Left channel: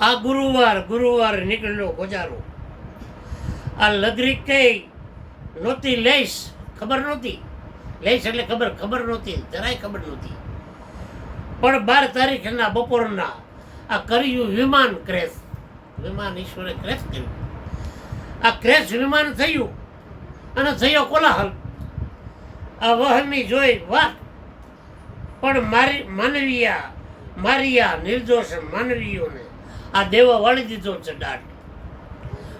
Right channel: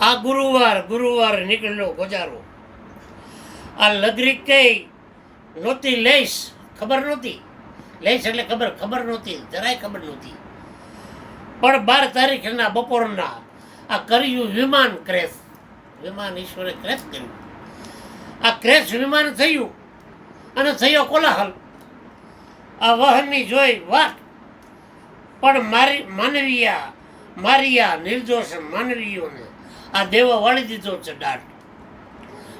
આ ગુરુવાર નીકળ્યો ગોજારો. આ લગરી કઈ નહોતી લઈશ, ખબર નહોતી. લઈશ એટલે ખબર નહોતી, જરાય ખબર નહોતી. પણ 12 તારીખના બપોરના આ કર્યું વિમાન ક્રેશ. વિમાન ઈશ્વરે ક્રેશ કર્યું. આ ક્રેશ વિમાન થયું અને થયો કોલાહલ. આ વહનની જોઈ વાત, પણ મારિયા નિર્દોષ માનવીઓને આ દેવો વાળી દીધો છે દાટ.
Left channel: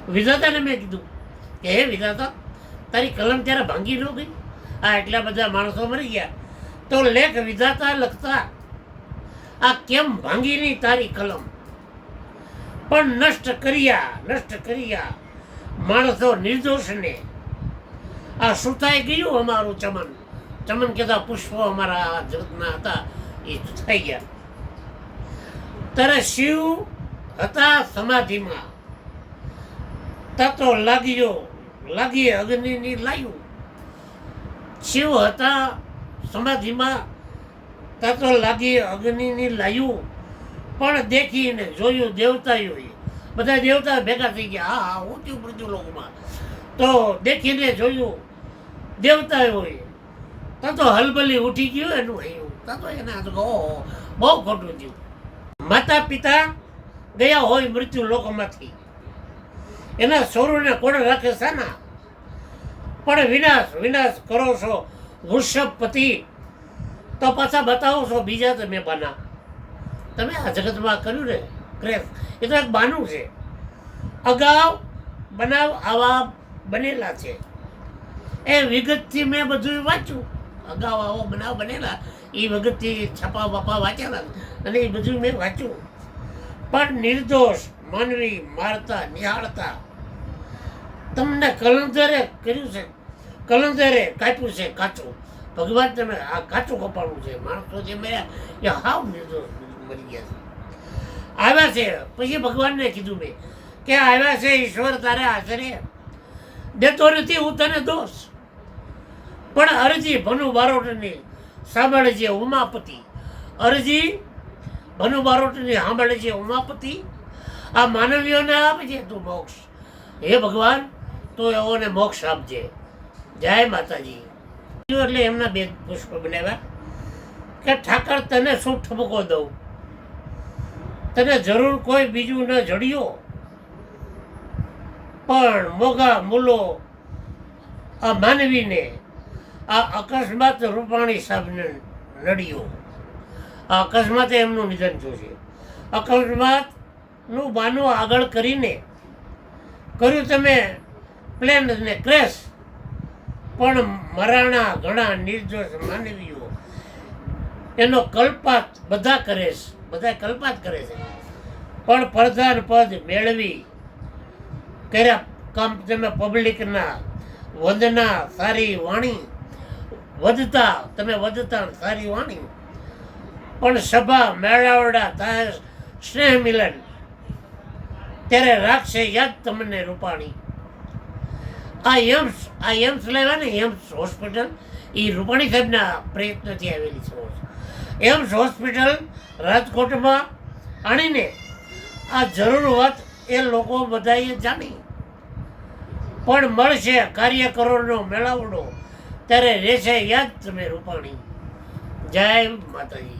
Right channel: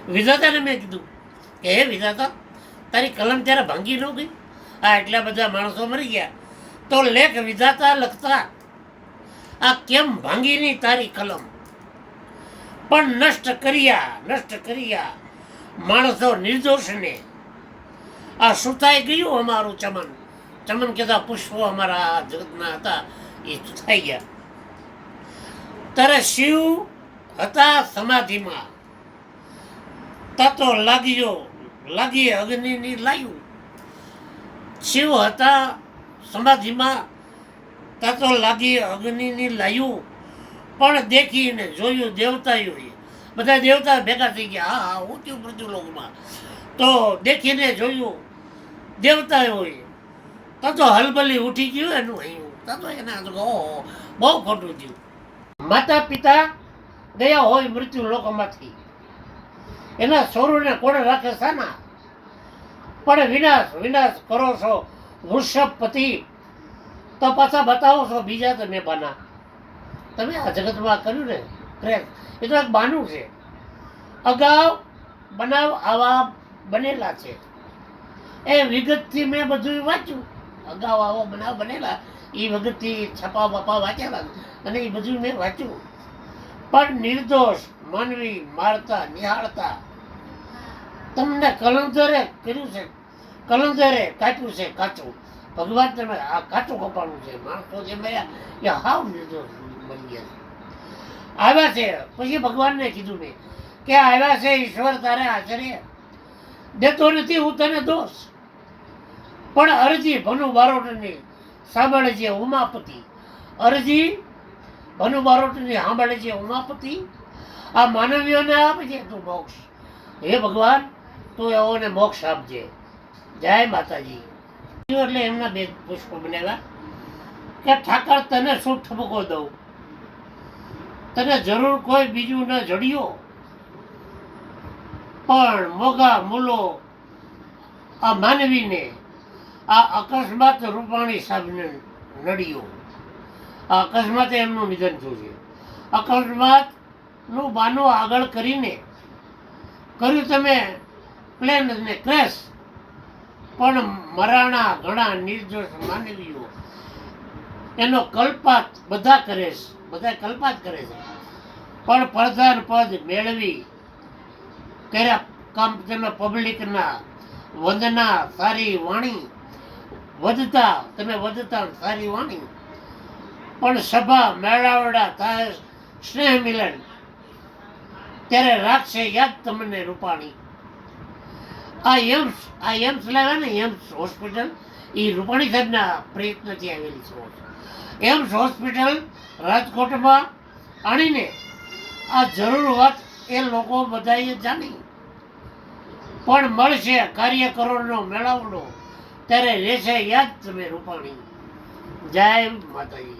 વિધાતાને મેં કીધું કે હે વિધાતા, તારી કલમ ત્યારે ભાંગી ન ગઈ? આ એટલા બધા માણસો મરી ગયા તો લેખ વિધાતા લખતા, આ કેમ ભાંગી નહીં તારી કલમ? પણ નષ્ટ કર્યા માણસો નિર્દોષને. આ સુતાઈ ગયું અમારું ચમન કહેતા પુષ્પો અમારા જગતના હતા એ સુતાઈ ગયા. ત્યારે શિવ હતા સમાધિમાં, તતો લાગી અગ્નિની લાયું. શિવ હતા સમાધિમાં, તતો લાગી અગ્નિની લાયું. પણ દેખીને જોયું દેવતાઓએ, બધા દેવતા ભેગા થઈ ગયા. હા ઊંચું મૃત્યુ લોકમાં તો દેખીને જોયું દેવતાઓએ, તો હલબલી ઉઠી ગયું એનું અહીં. તો એના ઓહો બહુ ખોટું થયું. માતા પિતા ગયા હોય મૃત્યુ લોકમાંથી, એના સોરુને કોણે રાખે સાના? પણ વિનાશ કરો છો વૃષભપતિ, તો પાછા બતાવો છો બીજા તમે બાના. તમે આ જગતમાં કર્યું ને ક્રેશ, એ તો એક બાનું છે. અગાઉ બનાવ આવા બનેલા છે. એ વિગતથી મેં બધું વાંચ્યું. અગાઉ આવો બનાવ બનેલા એ વખતથી છપા બપા વાંચેલા અને એ બધું મેં વાંચ્યું. પણ નિર્દોષ માનવી મારતા નિહાળતા તમને કલંદરે કર્યું છે, કલંદરે કાપ્યું છે કાચું. ભગવાન તમે આ કાચું કપાણું છે. માણસો જે મર્યા એ હાવ નિર્દોષ મરી ગયા છે. આવ્યા છે પછી ભગવાનને કીધું મેં કે આવ્યા છે ઈશ્વર તારે આશરે દેતો નથી હું તને દોષ. પણ અરજી ભનુ બારોટની સાંભળજે ઉમાપતિ. અરજી ભનુ બારોટની સાંભળજે ઉમાપતિ. આ માનવીઓને આપજે તું મોક્ષ. હે ભગવાન તું એઓને મોક્ષ આપજે. જય માતાજી. એટલે એમના બે પુષ્પ બનાવ્યા કે ઠાકર તને શું ઠપકો દઉં, તને જરૂર કોઈ બીજું ન જડ્યો. પણ મોગા મૂલો આ માનવીને આ અકસ્માત રૂપાણી સાહેબને નડ્યો. આ અકસ્માતે એમનું નિધન થયું છે. અકસ્માતનું બાનું આગળ કરીને કર્યું તમે પ્લેનને ક્રેશ. પણ મરાણા ઘણા નિર્દોષ માનવીઓ એનો કલ્પાત બધા કરે છે, બધા કલ્પાત કરે છે. પણ પ્રધાન પદ મેળવી કર્યા કામ તમે પબ્લિકના વંદના સારી વાણી વધતા સારી વાણી. પણ સભા મેળાવડા થાય સ્નેહ મિલન ત્યારે રાખશે યાદ તમને રૂપાણી. આ એમ્સ લાવ્યા ને એમ્સ હોસ્પિટલ એ રૂપાણી સાહેબના પ્રયત્નથી આવેલી છે. એમ્સ હોસ્પિટલ રાજકોટમાં આણીને આ જરૂર વાત એ લોકો બધાએ જાણી. પણ મળશે કાર્યકરોનો મેળાવડો ત્યારે રહેશે યાદ તમે રૂપાણી. જય માતાજી.